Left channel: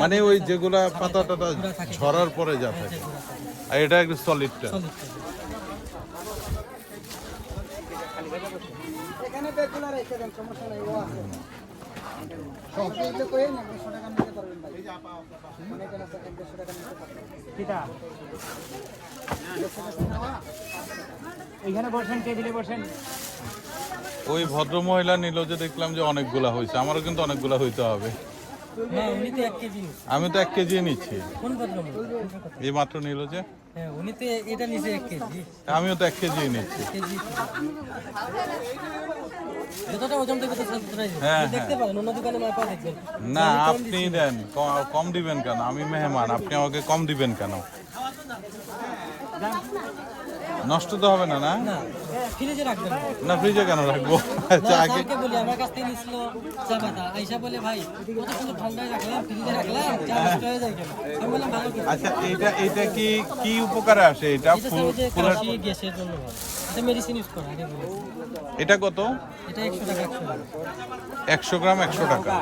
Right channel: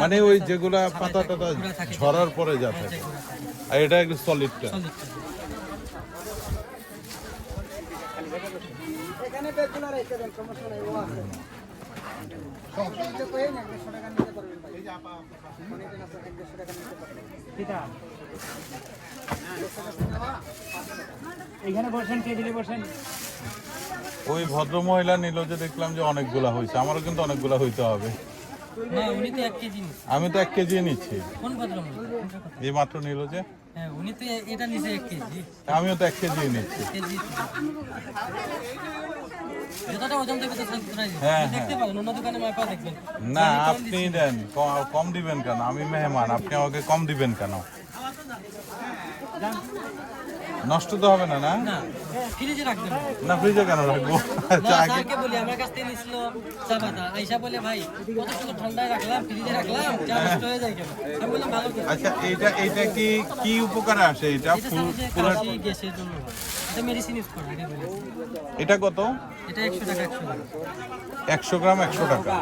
মানে ওই যেগুলা পাতা টাতা ঝরার পরে যাবে, এটা একটু সলিডটা। ওই ভদ্র মহিলা নিল যে দেখলাম যে অনেকগুলা হয়েছে, আমারও কিন্তু অনেকগুলা হইতে হবে। আমি তো 1 কেজি নিচ্ছি। এই মাত্র নিল যে, আমিও তো 1 কেজি নিচ্ছি। না আপনি দেন, কম দিবেন কেন? আমি মেহমান, আপনি আমাকে কম দিবেন কেন? নষ্ট তো হবে না? না ফ্রিজে কেন রাখবো? আচ্ছা এটা কি উপকারে আসে? এটা কত? 100 গ্রাম 100 টাকা।